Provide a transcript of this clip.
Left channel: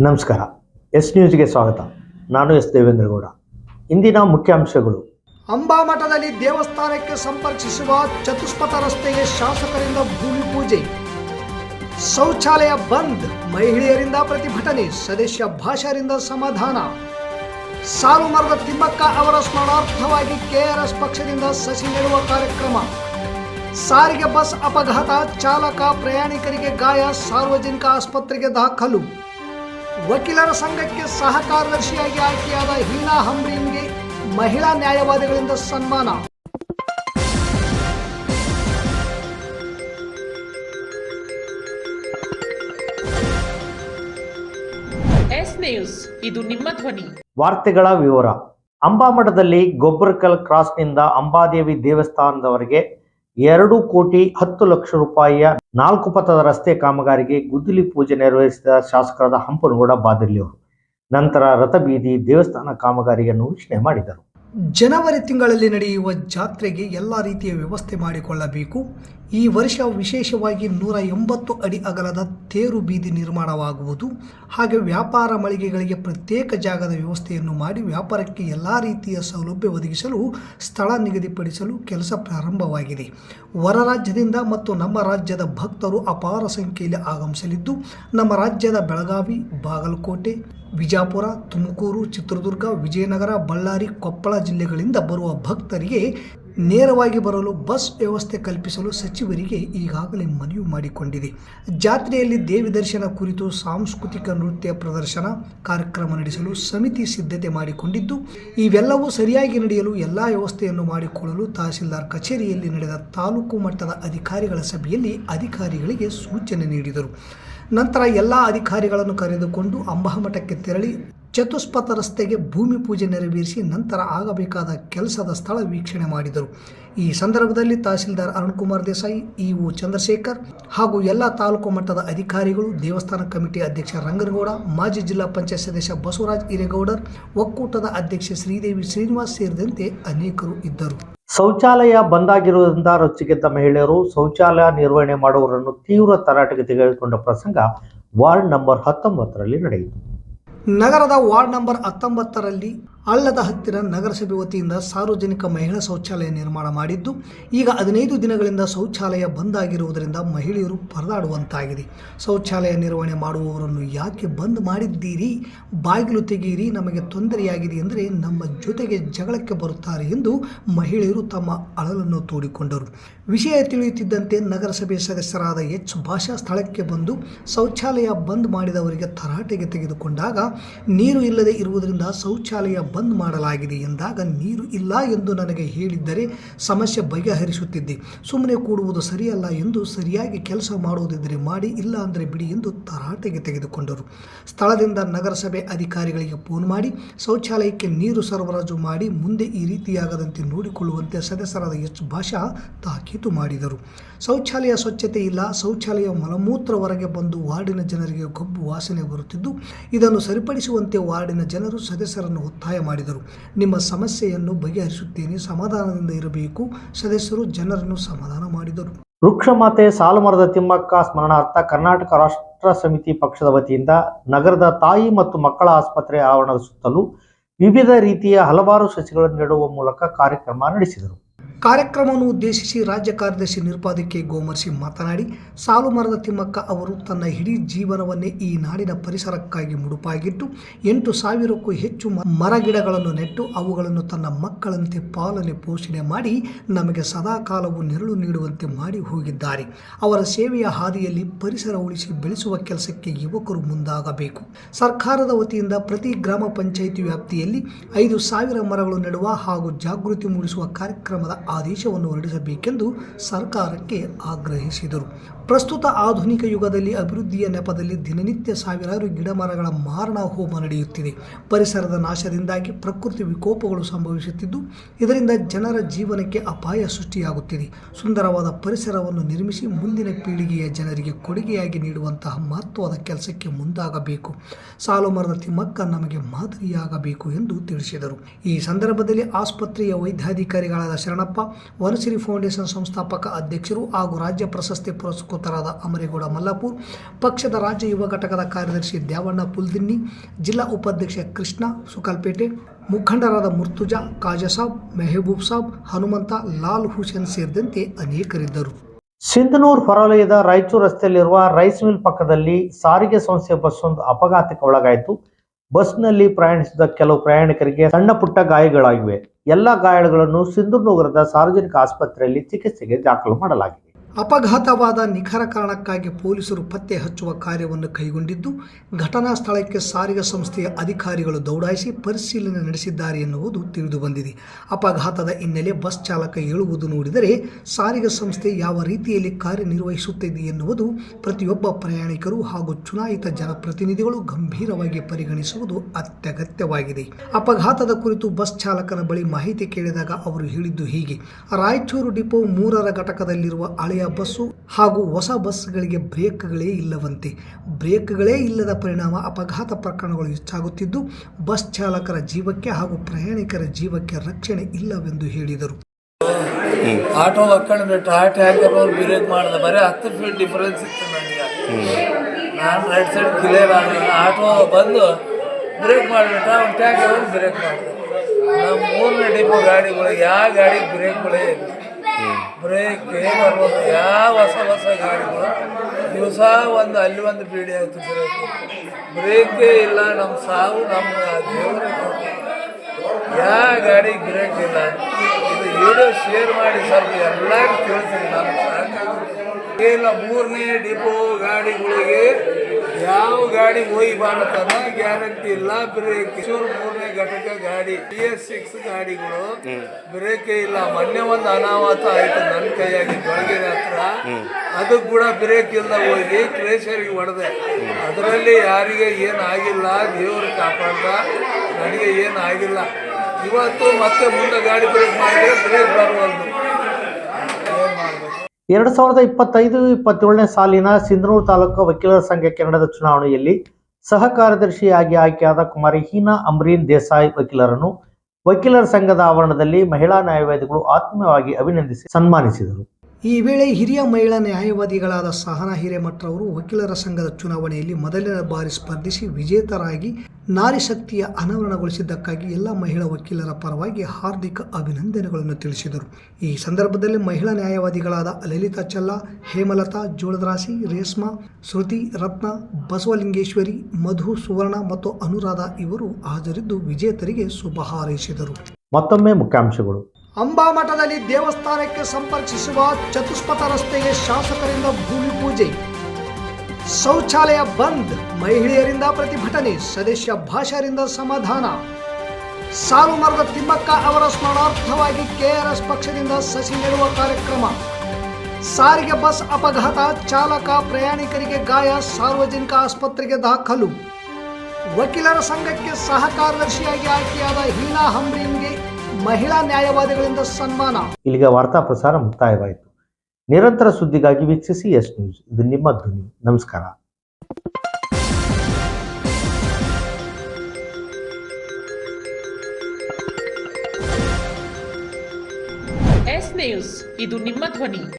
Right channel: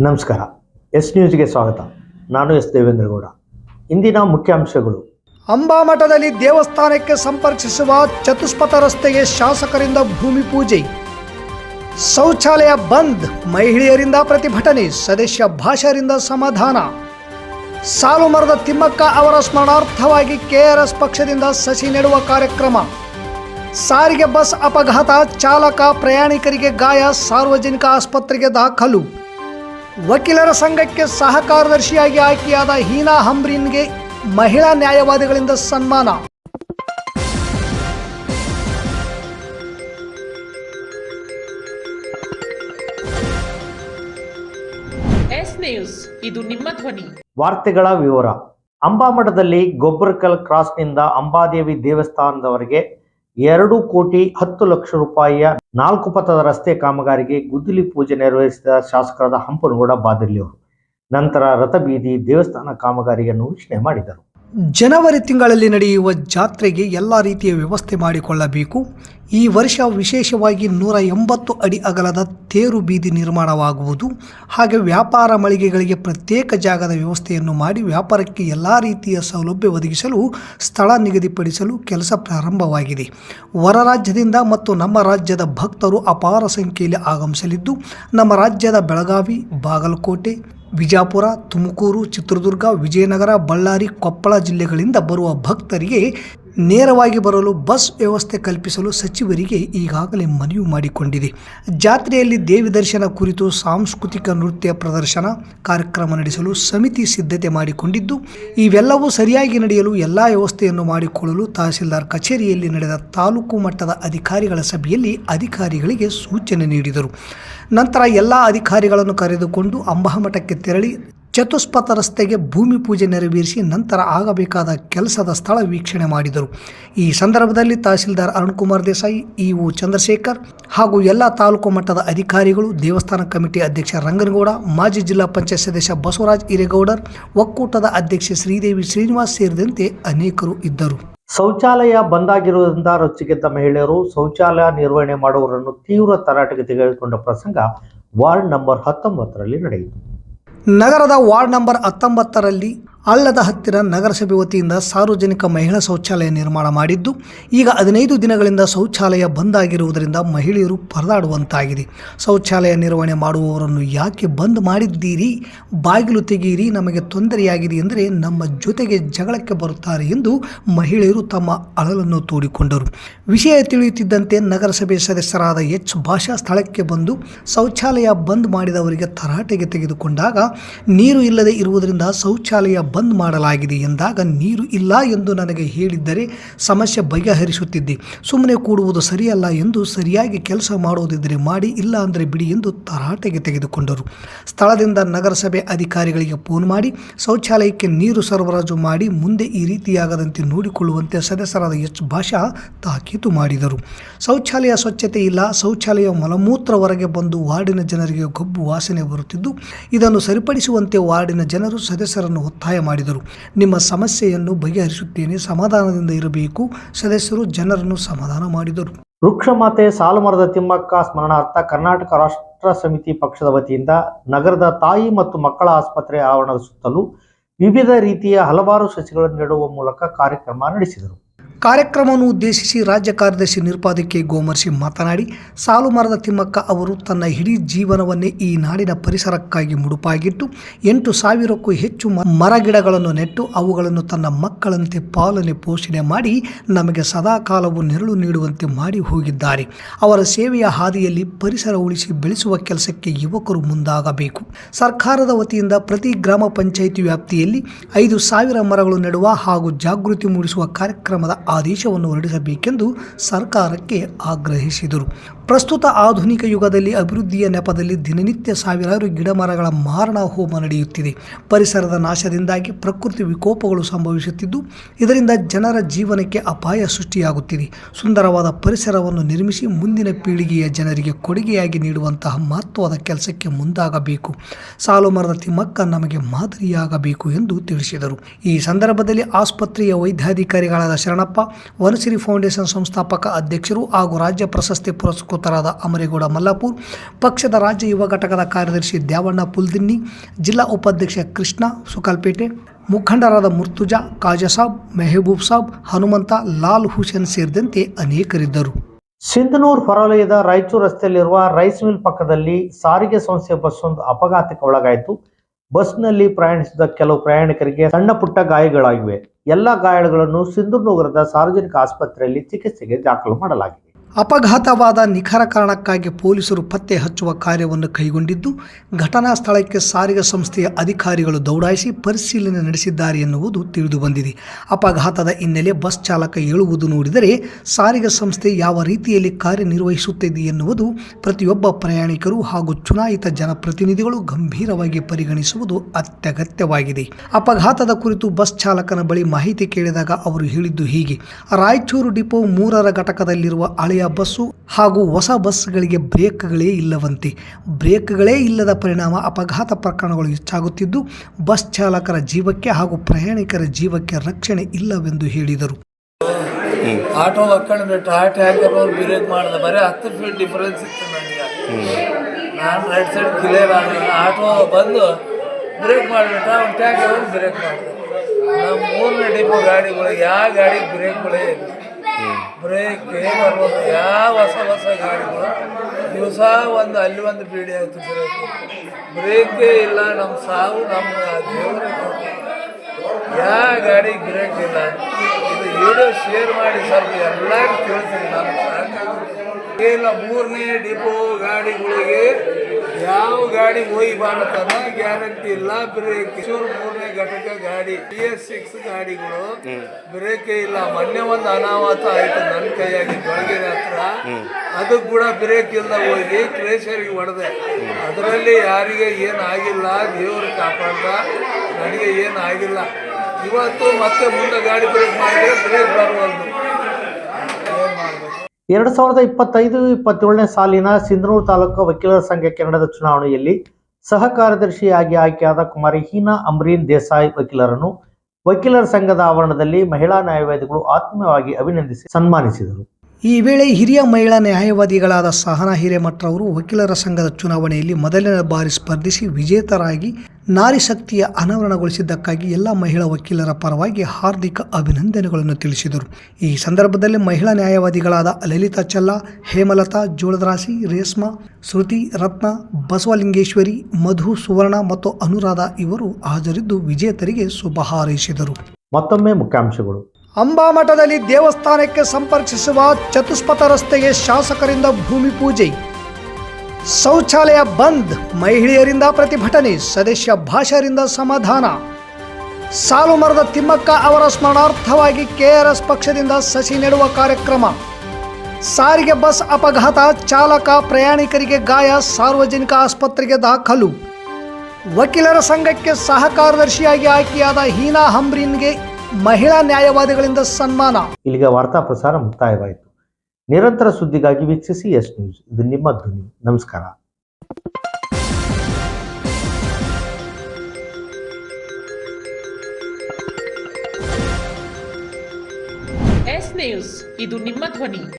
ನಮಸ್ಕಾರ. ಎಸ್ ನ್ಯೂಸ್ಗೆ ಸ್ವಾಗತ. ನಾನು ಎಸ್ ದೇವೇಂದ್ರಗೌಡ. ಇಂದಿನ ಮುಖ್ಯಾಂಶಗಳು. ಅಂಬಾಮಠದಲ್ಲಿ ದೇವಸ್ಥಾನಕ್ಕೆ ಸಂಪರ್ಕಿಸುವ ಚತುಷ್ಪಥ ರಸ್ತೆಗೆ ಶಾಸಕರಿಂದ ಭೂಮಿ ಪೂಜೆ. ಶೌಚಾಲಯ ಬಂದ್, ಮಹಿಳೆಯರಿಂದ ಪ್ರತಿಭಟನೆ, ಸದಸ್ಯ ಭಾಷರಿಂದ ಸಮಾಧಾನ. ಸಾಲು ಮರದ ತಿಮ್ಮಕ್ಕ ಅವರ ಸ್ಮರಣಾರ್ಥವಾಗಿ ಕೆಆರ್ಎಸ್ ಪಕ್ಷದಿಂದ ಸಸಿ ನೆಡುವ ಕಾರ್ಯಕ್ರಮ. ಸಾರಿಗೆ ಬಸ್ ಅಪಘಾತ, ಚಾಲಕ ಪ್ರಯಾಣಿಕರಿಗೆ ಗಾಯ, ಸಾರ್ವಜನಿಕ ಆಸ್ಪತ್ರೆಗೆ ದಾಖಲು. ವಕೀಲರ ಸಂಘಕ್ಕೆ ಸಹ ಕಾರ್ಯದರ್ಶಿಯಾಗಿ ಆಯ್ಕೆಯಾದ ಹೀನಾ ಹಂಬ್ರೀನ್ಗೆ ಮಹಿಳಾ ನ್ಯಾಯವಾದಿಗಳಿಂದ ಸನ್ಮಾನ. ಎಸ್ ನ್ಯೂಸ್ ಇದು ನಿಮ್ಮ ಧ್ವನಿ. ವಾರ್ತೆಗಳ ವಿವರ. ಅಂಬಾಮಠದಲ್ಲಿ ಗೊಬ್ಬರಕಲ್ ಕ್ರಾಸ್ನಿಂದ ಅಂಬಾದೇವಿ ದೇವಸ್ಥಾನದವರೆಗೆ ಎರಡು ಕೋಟಿ ಹತ್ತು ಲಕ್ಷ ರೂಪಾಯಿಯ ನಾಲ್ಕು ಪಥದ ರಸ್ತೆ ಕಾಮಗಾರಿಗೆ ಗುದ್ದಲಿ ಪೂಜೆ ನೆರವೇರಿಸಿದ ಶಾಸಕರಾದ ಹಂಪನಗೌಡ ಬಾದಿರ್ಲಿ ಅವರು. ನಂತರ ರಥಬೀದಿ ದೇವಸ್ಥಾನ ಕಾಮಗಾರಿಯನ್ನು ವೀಕ್ಷಣೆ ಮಾಡಿದರು. ಜನವರಿ ತಿಂಗಳಲ್ಲಿ ನಡೆಯುವ ಜಾತ್ರೆಗೆ ಎಲ್ಲ ರೀತಿಯ ವ್ಯವಸ್ಥೆ ಮಾಡಿಕೊಳ್ಳಬೇಕು. ಈ ವರ್ಷ ವಿಶೇಷವಾಗಿ ನೂರ ಎಂಬತ್ತು ಅಡಿ ಅಗಲದ ತೇರು ಬೀದಿ ನಿರ್ಮಾಣವಾಗುವುದು ಹಾಗೆ ವ್ಯಾಪಾರ ಮಳಿಗೆಗಳಿಗೆ ಪ್ರತ್ಯೇಕ ಜಾಗದ ವ್ಯವಸ್ಥೆಯನ್ನು ಮಾಡಿ ವ್ಯಾಪಾರಕ್ಕೆ ಎಲ್ಲ ರೀತಿಯ ಸೌಲಭ್ಯ ಒದಗಿಸಲು ಸ್ಥಳ ನಿಗದಿಪಡಿಸಲು ಕೆಲಸ ಪ್ರಾರಂಭವಾಗಿದೆ. ಹೊರ ರಾಜ್ಯದಿಂದ ಮತ್ತು ನಮ್ಮ ರಾಜ್ಯದ ಭಕ್ತರು ಅಪಾರ ಸಂಖ್ಯೆಯಲ್ಲಿ ಆಗಮಿಸಲಿದ್ದು, ನಮ್ಮ ರಾಜ್ಯದ ಬೆಳಗಾವಿ, ಬಾಗಲಕೋಟೆ, ವಿಜಾಪುರ, ತುಮಕೂರು, ಚಿತ್ರದುರ್ಗ, ವಿಜಯನಗರ, ಬಳ್ಳಾರಿ, ಕೊಪ್ಪಳ ಜಿಲ್ಲೆಗಳಿಂದ ಬರುವ ಭಕ್ತರಿಗೆ ನೇರವಾಗಿ ಬರಲು ಬಸ್ ವ್ಯವಸ್ಥೆ ಕಲ್ಪಿಸಲು ಸಚಿವರಿಗೆ ಈಗಾಗಲೇ ಮನವಿ ಮಾಡಿಕೊಂಡಿದೆ. ಜಾತ್ರೆಯಲ್ಲಿ ದೇವಿ ದರ್ಶನ ಕುರಿತು ಸಾಂಸ್ಕೃತಿಕ ನೃತ್ಯ ಪ್ರದರ್ಶನ ಕಾರ್ಯಕ್ರಮ ನಡೆಸಲು ಸಮಿತಿ ಸಿದ್ಧತೆ ಮಾಡಿಕೊಂಡಿದ್ದು, ಇವೆಲ್ಲವೂ ಸರಿಯಾಗಿ ನಡೆಯಲು ಎಲ್ಲ ವ್ಯವಸ್ಥೆಯನ್ನು ಮಾಡಿಕೊಳ್ಳಲು ತಹಸೀಲ್ದಾರ್ ಕಚೇರಿಯಲ್ಲಿ ನಡೆದ ತಾಲೂಕು ಮಟ್ಟದ ಅಧಿಕಾರಿಗಳ ಸಭೆಯಲ್ಲಿ ಅಧಿಕಾರಿಗಳಿಗೆ ಸೂಚನೆ ನೀಡಿದರು. ನಂತರ ಎಲ್ಲ ಅಧಿಕಾರಿಗಳನ್ನು ಕರೆದುಕೊಂಡು ಅಂಬಾಮಠಕ್ಕೆ ತೆರಳಿ ಚತುಷ್ಪಥ ರಸ್ತೆಗೆ ಭೂಮಿ ಪೂಜೆ ನೆರವೇರಿಸಿ ನಂತರ ಆಗಬೇಕಾದ ಕೆಲಸದ ಸ್ಥಳ ವೀಕ್ಷಣೆ ಮಾಡಿದರು. ಈ ಸಂದರ್ಭದಲ್ಲಿ ತಹಸೀಲ್ದಾರ್ ಅರುಣ್ಕುಮಾರ್ ದೇಸಾಯಿ, ಇಒ ಚಂದ್ರಶೇಖರ್ ಹಾಗೂ ಎಲ್ಲ ತಾಲೂಕು ಮಟ್ಟದ ಅಧಿಕಾರಿಗಳು, ದೇವಸ್ಥಾನ ಕಮಿಟಿ ಅಧ್ಯಕ್ಷ ರಂಗನಗೌಡ, ಮಾಜಿ ಜಿಲ್ಲಾ ಪಂಚಾಯತ್ ಸದಸ್ಯ ಬಸವರಾಜ್ ಹಿರೇಗೌಡರ್, ಒಕ್ಕೂಟದ ಅಧ್ಯಕ್ಷೆ ಶ್ರೀದೇವಿ ಶ್ರೀನಿವಾಸ್ ಸೇರಿದಂತೆ ಅನೇಕರು ಇದ್ದರು. ಶೌಚಾಲಯ ಬಂದಾಗಿರುವುದರಿಂದ ರೊಚ್ಚಿಗೆದ್ದ ಮಹಿಳೆಯರು ಶೌಚಾಲಯ ನಿರ್ವಹಣೆ ಮಾಡುವವರನ್ನು ತೀವ್ರ ತರಾಟೆಗೆ ತೆಗೆದುಕೊಂಡ ಪ್ರಸಂಗ ವಾರ್ಡ್ ನಂಬರ್ ಹತ್ತೊಂಬತ್ತರಲ್ಲಿ ನಡೆಯಿತು. ನಗರದ ವಾರ್ಡ್ ನಂಬರ್ ಹತ್ತೊಂಬತ್ತರಲ್ಲಿ ಹಳ್ಳದ ಹತ್ತಿರ ನಗರಸಭೆ ವತಿಯಿಂದ ಸಾರ್ವಜನಿಕ ಮಹಿಳಾ ಶೌಚಾಲಯ ನಿರ್ಮಾಣ ಮಾಡಿದ್ದು, ಈಗ ಹದಿನೈದು ದಿನಗಳಿಂದ ಶೌಚಾಲಯ ಬಂದ್ ಆಗಿರುವುದರಿಂದ ಮಹಿಳೆಯರು ಪರದಾಡುವಂತಾಗಿದೆ. ಶೌಚಾಲಯ ನಿರ್ವಹಣೆ ಮಾಡುವವರನ್ನು ಯಾಕೆ ಬಂದ್ ಮಾಡಿದ್ದೀರಿ? ಬಾಗಿಲು ತೆಗೆಯಿರಿ, ನಮಗೆ ತೊಂದರೆಯಾಗಿದೆ ಎಂದರೆ ನಮ್ಮ ಜೊತೆಗೆ ಜಗಳಕ್ಕೆ ಬರುತ್ತಾರೆ ಎಂದು ಮಹಿಳೆಯರು ತಮ್ಮ ಅಳಲನ್ನು ತೋಡಿಕೊಂಡರು. ವಿಷಯ ತಿಳಿಯುತ್ತಿದ್ದಂತೆ ನಗರಸಭೆ ಸದಸ್ಯರಾದ ಎಚ್. ಭಾಷಾ ಸ್ಥಳಕ್ಕೆ ಬಂದು ಶೌಚಾಲಯ ಬಂದ್ ಮಾಡಿದವರಿಗೆ ತರಾಟೆಗೆ ತೆಗೆದುಕೊಂಡಾಗ ನೀರು ಇಲ್ಲದೆ ಇರುವುದರಿಂದ ಶೌಚಾಲಯ ಬಂದ್ ಮಾಡಲಾಗಿದೆ ಎಂದಾಗ ನೀರು ಇಲ್ಲ ಎಂದು ನನಗೆ ಹೇಳಿದ್ದರೆ ಸಮಸ್ಯೆ ಬಗೆಹರಿಸುತ್ತಿದ್ದೆ. ಸುಮ್ಮನೆ ಕೂಡುವುದು ಸರಿಯಲ್ಲ ಎಂದು ಸರಿಯಾಗಿ ಕೆಲಸ ಮಾಡುವುದಿದ್ದರೆ ಮಾಡಿ, ಇಲ್ಲ ಅಂದರೆ ಬಿಡಿ ಎಂದು ತರಾಟೆಗೆ ತೆಗೆದುಕೊಂಡರು. ಸ್ಥಳದಿಂದ ನಗರಸಭೆ ಅಧಿಕಾರಿಗಳಿಗೆ ಫೋನ್ ಮಾಡಿ, ಶೌಚಾಲಯಕ್ಕೆ ನೀರು ಸರಬರಾಜು ಮಾಡಿ, ಮುಂದೆ ಈ ರೀತಿಯಾಗದಂತೆ ನೋಡಿಕೊಳ್ಳುವಂತೆ ಸದಸ್ಯರಾದ ಎಚ್. ಭಾಷಾ ತಾಕೀತು ಮಾಡಿದರು. ಶೌಚಾಲಯ ಸ್ವಚ್ಛತೆ ಇಲ್ಲ, ಶೌಚಾಲಯ ಮಲಮೂತ್ರ ಹೊರಗೆ ಬಂದು ವಾರ್ಡಿನ ಜನರಿಗೆ ಗಬ್ಬು ವಾಸನೆ ಬರುತ್ತಿದ್ದು, ಇದನ್ನು ಸರಿಪಡಿಸುವಂತೆ ವಾರ್ಡಿನ ಜನರು ಸದಸ್ಯರನ್ನು ಒತ್ತಾಯ ಮಾಡಿದರು. ನಿಮ್ಮ ಸಮಸ್ಯೆಯನ್ನು ಬಗೆಹರಿಸುತ್ತೇನೆ, ಸಮಾಧಾನದಿಂದ ಇರಬೇಕು. ಸದಸ್ಯರು ಜನರನ್ನು ಸಮಾಧಾನ ಮಾಡಿದರು. ವೃಕ್ಷಮಾತೆ ಸಾಲುಮರದ ತಿಮ್ಮಕ್ಕ ಸ್ಮರಣಾರ್ಥ ಕರ್ನಾಟಕ ರಾಷ್ಟ್ರ ಸಮಿತಿ ಪಕ್ಷದ ವತಿಯಿಂದ ನಗರದ ತಾಯಿ ಮತ್ತು ಮಕ್ಕಳ ಆಸ್ಪತ್ರೆ ಆವರಣದ ಸುತ್ತಲೂ ವಿವಿಧ ರೀತಿಯ ಹಲವಾರು ಸಸಿಗಳನ್ನು ನೆಡುವ ಮೂಲಕ ಕಾರ್ಯಕ್ರಮ ನಡೆಸಿದರು. ಕಾರ್ಯಕ್ರಮವನ್ನು ಉದ್ದೇಶಿಸಿ ರಾಜ್ಯ ಕಾರ್ಯದರ್ಶಿ ನಿರ್ಪಾದಕಿ ಗೋಮರ್ಶಿ ಮಾತನಾಡಿ, ಸಾಲು ಮರದ ತಿಮ್ಮಕ್ಕ ಅವರು ತನ್ನ ಇಡೀ ಜೀವನವನ್ನೇ ಈ ನಾಡಿನ ಪರಿಸರಕ್ಕಾಗಿ ಮುಡುಪಾಗಿಟ್ಟು, ಎಂಟು ಸಾವಿರಕ್ಕೂ ಹೆಚ್ಚು ಮರಗಿಡಗಳನ್ನು ನೆಟ್ಟು ಅವುಗಳನ್ನು ತನ್ನ ಮಕ್ಕಳಂತೆ ಪಾಲನೆ ಪೋಷಣೆ ಮಾಡಿ ನಮಗೆ ಸದಾ ಕಾಲವು ನೆರಳು ನೀಡುವಂತೆ ಮಾಡಿ ಹೋಗಿದ್ದಾರೆ. ಅವರ ಸೇವೆಯ ಹಾದಿಯಲ್ಲಿ ಪರಿಸರ ಉಳಿಸಿ ಬೆಳೆಸುವ ಕೆಲಸಕ್ಕೆ ಯುವಕರು ಮುಂದಾಗಬೇಕು. ಸರ್ಕಾರದ ವತಿಯಿಂದ ಪ್ರತಿ ಗ್ರಾಮ ಪಂಚಾಯಿತಿ ವ್ಯಾಪ್ತಿಯಲ್ಲಿ ಐದು ಸಾವಿರ ಮರಗಳು ನೆಡುವ ಹಾಗೂ ಜಾಗೃತಿ ಮೂಡಿಸುವ ಕಾರ್ಯಕ್ರಮದ ಆದೇಶವನ್ನು ಹೊರಡಿಸಬೇಕೆಂದು ಸರ್ಕಾರಕ್ಕೆ ಆಗ್ರಹಿಸಿದರು. ಪ್ರಸ್ತುತ ಆಧುನಿಕ ಯುಗದಲ್ಲಿ ಅಭಿವೃದ್ಧಿಯ ನೆಪದಲ್ಲಿ ದಿನನಿತ್ಯ ಸಾವಿರಾರು ಗಿಡಮರಗಳ ಮಾರಣ ಹೋಮ ನಡೆಯುತ್ತಿದೆ. ಪರಿಸರದ ನಾಶದಿಂದಾಗಿ ಪ್ರಕೃತಿ ವಿಕೋಪಗಳು ಸಂಭವಿಸುತ್ತಿದ್ದು, ಇದರಿಂದ ಜನರ ಜೀವನಕ್ಕೆ ಅಪಾಯ ಸೃಷ್ಟಿಯಾಗುತ್ತಿದೆ. ಸುಂದರವಾದ ಪರಿಸರವನ್ನು ನಿರ್ಮಿಸಿ ಮುಂದಿನ ಪೀಳಿಗೆಯ ಜನರಿಗೆ ಕೊಡುಗೆಯಾಗಿ ನೀಡುವಂತಹ ಮಹತ್ವದ ಕೆಲಸಕ್ಕೆ ಮುಂದಾಗಬೇಕು. ಸಾಲು ಮರದ ತಿಮ್ಮಕ್ಕ ನಮಗೆ ಮಾದರಿಯಾಗಬೇಕು ಎಂದು ತಿಳಿಸಿದರು. ಈ ಸಂದರ್ಭದಲ್ಲಿ ಆಸ್ಪತ್ರೆಯ ವೈದ್ಯಾಧಿಕಾರಿಗಳಾದ ಶರಣಪ್ಪ ವನಸಿರಿ ಫೌಂಡೇಶನ್ ಸಂಸ್ಥಾಪಕ ಅಧ್ಯಕ್ಷರು ಹಾಗೂ ರಾಜ್ಯ ಪ್ರಶಸ್ತಿ ಪುರಸ್ಕೃತರಾದ ಅಮರೇಗೌಡ ಮಲ್ಲಾಪುರ್, ಪಕ್ಷದ ರಾಜ್ಯ ಯುವ ಘಟಕದ ಕಾರ್ಯದರ್ಶಿ ದ್ಯಾವಣ್ಣ ಪುಲ್ದಿನ್ನಿ, ಜಿಲ್ಲಾ ಉಪಾಧ್ಯಕ್ಷ ಕೃಷ್ಣ ಸುಕಲ್ಪೇಟೆ, ಮುಖಂಡರಾದ ಮುರ್ತುಜಾ ಕಾಜಸಾಬ್, ಮೆಹಬೂಬ್ ಸಾಬ್, ಹನುಮಂತ, ಲಾಲ್ ಹುಸೇನ್ ಸೇರಿದಂತೆ ಅನೇಕರಿದ್ದರು. ಸಿಂಧನೂರು ಹೊರವಲಯದ ರಾಯಚೂರು ರಸ್ತೆಯಲ್ಲಿರುವ ರೈಸ್ ಮಿಲ್ ಪಕ್ಕದಲ್ಲಿ ಸಾರಿಗೆ ಸಂಸ್ಥೆಯ ಬಸ್ ಒಂದು ಅಪಘಾತಕ್ಕೆ ಒಳಗಾಯಿತು. ಬಸ್ನಲ್ಲಿ ಪ್ರಯಾಣಿಸಿದ ಕೆಲವು ಪ್ರಯಾಣಿಕರಿಗೆ ಸಣ್ಣ ಪುಟ್ಟ ಗಾಯಗಳಾಗಿವೆ. ಎಲ್ಲ ಗಾಯಗಳನ್ನು ಸಿಂಧುನಗರದ ಸಾರ್ವಜನಿಕ ಆಸ್ಪತ್ರೆಯಲ್ಲಿ ಚಿಕಿತ್ಸೆಗೆ ದಾಖಲು ಮಾಡಲಾಗಿದೆ. ಅಪಘಾತವಾದ ನಿಖರ ಕಾರಣಕ್ಕಾಗಿ ಪೊಲೀಸರು ಪತ್ತೆ ಹಚ್ಚುವ ಕಾರ್ಯವನ್ನು ಕೈಗೊಂಡಿದ್ದು, ಘಟನಾ ಸ್ಥಳಕ್ಕೆ ಸಾರಿಗೆ ಸಂಸ್ಥೆಯ ಅಧಿಕಾರಿಗಳು ದೌಡಾಯಿಸಿ ಪರಿಶೀಲನೆ ನಡೆಸಿದ್ದಾರೆ ಎನ್ನುವುದು ತಿಳಿದುಬಂದಿದೆ. ಅಪಘಾತದ ಹಿನ್ನೆಲೆ ಬಸ್ ಚಾಲಕ ಏಳುವುದು ನೋಡಿದರೆ, ಸಾರಿಗೆ ಸಂಸ್ಥೆ ಯಾವ ರೀತಿಯಲ್ಲಿ ಕಾರ್ಯನಿರ್ವಹಿಸುತ್ತಿದೆ ಎನ್ನುವುದು ಪ್ರತಿಯೊಬ್ಬ ಪ್ರಯಾಣಿಕರು ಹಾಗೂ ಚುನಾಯಿತ ಜನಪ್ರತಿನಿಧಿಗಳು ಗಂಭೀರವಾಗಿ ಪರಿಗಣಿಸುವುದು ಅತ್ಯಗತ್ಯವಾಗಿದೆ. ಅಪಘಾತದ ಕುರಿತು ಬಸ್ ಚಾಲಕನ ಬಳಿ ಮಾಹಿತಿ ಕೇಳಿದಾಗ ಅವರು ಹೇಳಿದ್ದು ಹೀಗೆ, ರಾಯಚೂರು ಡಿಪೋ ಮೂರರ ಘಟಕದಲ್ಲಿರುವ ಹಳೆಯ ಬಸ್ಸು ಹಾಗೂ ಹೊಸ ಬಸ್ಗಳಿಗೆ ಬ್ರೇಕ್ಗಳೇ ಇಲ್ಲವಂತೆ. ಬ್ರೇಕ್ಗಳೇ ಇಲ್ಲದ ಪರಿಣಾಮ ಅಪಘಾತ ಪ್ರಕರಣಗಳು ಹೆಚ್ಚಾಗುತ್ತಿದ್ದು ಬಸ್ ಚಾಲಕರ ಜೀವಕ್ಕೆ ಹಾಗೂ ಪ್ರಯಾಣಿಕರ ಜೀವಕ್ಕೆ ರಕ್ಷಣೆ ಇಲ್ಲವೆಂದು ಹೇಳಿದರು. ಆಟೋ ಹಾಕೊಂಡು ಬಿಟ್ಟು ಆಟೋ ಹಾಕಿರೋರು ಬ್ರೇಕ್ ಮಾಡಿದೆ ಬರೀ ಹತ್ತು ಫೀಟ್ ಡಿಫ್ರೆನ್ಸ್ ಇತ್ತು ನನಗೆ. ನಾನು ರೈಟ್ ಸೈಡ್ ಕ್ಲಿಯರ್ ಆಗಲಿಲ್ಲ ಆಟೋ ಬಂದು ಬ್ರೇಕ್ ಮಾಡಿಬಿಟ್ಟ ಅವ್ನು ಟ್ಯಾಂಕರ್ ಬ್ರೇಕ್ ಮಾಡಿದೆ ನಮ್ಮ ಮೂರನೇ ಡಿಪೋ ಗಾಡಿಗಳು ಯಾವ ಗಾಡಿ ಬ್ರೇಕ್ಗಳೇ ಇಲ್ಲ. ಬ್ರೇಕ್ ಬರ್ಬೋದು ಯಾವ ಹೊಸ ಹೊಸ ಗಾಡಿಗಳು? ದಿವಸ ಒಂದು ಅಲ್ಲಿ ಒಂದು ಬೀಡಿ ಆಯ್ತು ಬ್ರೇಕ್ ಇಲ್ಲ ನಮ್ಮ ಸಾವು ನಮ್ಮ ದೇವರ. ಯಾವ ಗಾಡಿ ಬ್ರೇಕ್ ಇಲ್ಲ? ಇದು ವಿಡಿಯೋ ಶೇರ್ ಮಾಡಿ ಸ್ವಲ್ಪ ಎಲ್ಲರಿಗೂ ತಿಳಿಸ್ತೀನಿ ನಾನು. ಸಾಕಾಗಿದೆ. ಇಲ್ಲ ಮೂರನೇ ಡಿಪೋ ಗಾಡಿಗಳಿಗೆ ಯಾವ ಗಾಡಿ ಹೋಗಿ ಬಾರತನ ಗ್ಯಾರಂಟಿ ಇಲ್ಲ. ಬ್ರೇಕ್ ಮೂರನೇ ಘಟಕ ಗಾಡಿ ಪಿ ಎಸ್ ಸಿಕ್ಸ್ ಗಾಡಿಗಳು ಬ್ರೇಕೇ ಇಲ್ಲ. ಮೊನ್ನೆ ಒಂದು ಅನಾಹುತ ಆಯ್ತು ನನ್ನ ಕೈಯಾಗಿ ಬೆಳಗ್ಗೆ ಹತ್ರ. ಅದು ಕೂಡ ಬ್ರೇಕ್ ಇಲ್ಲ ಹೋಗಿ ಕ್ರೇಷರಿಗೆ ಹೊಡೆದೆ. ಅದರಲ್ಲಿ ಯಾರಿಗೆ ಏನು ಆಗಿಲ್ಲ ದೇವರು ಕಾಪಾಡ್ದ. ನನಗೆ ಏನು ಆಗಿಲ್ಲ. ಇವತ್ತು ಮತ್ತೆ ಮುಂದೆ ಗಾಡಿ ಬ್ರೇಕ್ ಮಾಡಿದ್ರೆ ಬ್ರೇಕ್ ಬರುವಲ್ದು. ಮಾಡಬೇಕು ಎರಡು ಸಾವಿರದ ಇಪ್ಪತ್ತೈದು, ಇಪ್ಪತ್ತೇಳನೇ ಸಾಲಿನ ಸಿಂಧನೂರು ತಾಲೂಕು ವಕೀಲರ ಸಂಘಕ್ಕೆ ನಡೆದ ಚುನಾವಣೆಯಲ್ಲಿ ಸಹ ಕಾರ್ಯದರ್ಶಿಯಾಗಿ ಆಯ್ಕೆಯಾದ ಕುಮಾರಿ ಹೀನಾ ಅಮ್ರೀನ್ ದೇಸಾಯಿ ವಕೀಲರನ್ನು ವಕೀಲರ ಸಂಘದ ಆವರಣದಲ್ಲಿ ಮಹಿಳಾ ನ್ಯಾಯವಾದಿಗಳು ಆತ್ಮೀಯವಾಗಿ ಅಭಿನಂದಿಸಿ ಸನ್ಮಾನಿಸಿದರು. ಈ ವೇಳೆ ಹಿರಿಯ ಮಹಿಳಾ ನ್ಯಾಯವಾದಿಗಳಾದ ಸಹನಾ ಹಿರೇಮಠರವರು ವಕೀಲರ ಸಂಘದ ಚುನಾವಣೆಯಲ್ಲಿ ಮೊದಲನೇ ಬಾರಿ ಸ್ಪರ್ಧಿಸಿ ವಿಜೇತರಾಗಿ ನಾರಿಶಕ್ತಿಯ ಅನಾವರಣಗೊಳಿಸಿದ್ದಕ್ಕಾಗಿ ಎಲ್ಲ ಮಹಿಳಾ ವಕೀಲರ ಪರವಾಗಿ ಹಾರ್ದಿಕ ಅಭಿನಂದನೆಗಳನ್ನು ತಿಳಿಸಿದರು. ಈ ಸಂದರ್ಭದಲ್ಲಿ ಮಹಿಳಾ ನ್ಯಾಯವಾದಿಗಳಾದ ಲಲಿತಾ ಚಲ್ಲ, ಹೇಮಲತಾ, ಜೋಳದ್ರಾಸಿ, ರೇಷ್ಮಾ, ಶ್ರುತಿ, ರತ್ನ, ಬಸವಲಿಂಗೇಶ್ವರಿ, ಮಧು, ಸುವರ್ಣ ಮತ್ತು ಅನುರಾಧ ಇವರು ಹಾಜರಿದ್ದು ವಿಜೇತರಿಗೆ ಶುಭ ಹಾರೈಸಿದರು. ಮತ್ತೊಮ್ಮೆ ಮುಖ್ಯಾಂಶಗಳು. ಅಂಬಾಮಠದಲ್ಲಿ ದೇವಸ್ಥಾನಕ್ಕೆ ಸಂಪರ್ಕಿಸುವ ಚತುಷ್ಪಥ ರಸ್ತೆಗೆ ಶಾಸಕರಿಂದ ಭೂಮಿ ಪೂಜೆ. ಶೌಚಾಲಯ ಬಂದ್, ಮಹಿಳೆಯರಿಂದ ಪ್ರತಿಭಟನೆ, ಸದಸ್ಯ ಭಾಷರಿಂದ ಸಮಾಧಾನ. ಸಾಲು ಮರದ ತಿಮ್ಮಕ್ಕ ಅವರ ಸ್ಮರಣಾರ್ಥವಾಗಿ ಕೆಆರ್ಎಸ್ ಪಕ್ಷದಿಂದ ಸಸಿ ನೆಡುವ ಕಾರ್ಯಕ್ರಮ. ಸಾರಿಗೆ ಬಸ್ ಅಪಘಾತ, ಚಾಲಕ ಪ್ರಯಾಣಿಕರಿಗೆ ಗಾಯ, ಸಾರ್ವಜನಿಕ ಆಸ್ಪತ್ರೆಗೆ ದಾಖಲು. ವಕೀಲರ ಸಂಘಕ್ಕೆ ಸಹ ಕಾರ್ಯದರ್ಶಿಯಾಗಿ ಆಯ್ಕೆಯಾದ ಹೀನಾ ಹಂಬ್ರಿನ್ಗೆ ಮಹಿಳಾ ನ್ಯಾಯವಾದಿಗಳಿಂದ ಸನ್ಮಾನ. ಇಲ್ಲಿಗೆ ವಾರ್ತಾ ಪ್ರಸಾರ ಮುಕ್ತಾಯವಾಯಿತು. ನಿರಂತರ ಸುದ್ದಿಗಾಗಿ ವೀಕ್ಷಿಸಿ ಎಸ್ ನ್ಯೂಸ್. ಇದು ನಿಮ್ಮ ಧ್ವನಿ. ನಮಸ್ಕಾರ. S news. ಇದು ನಿಮ್ಮ ಧ್ವನಿ.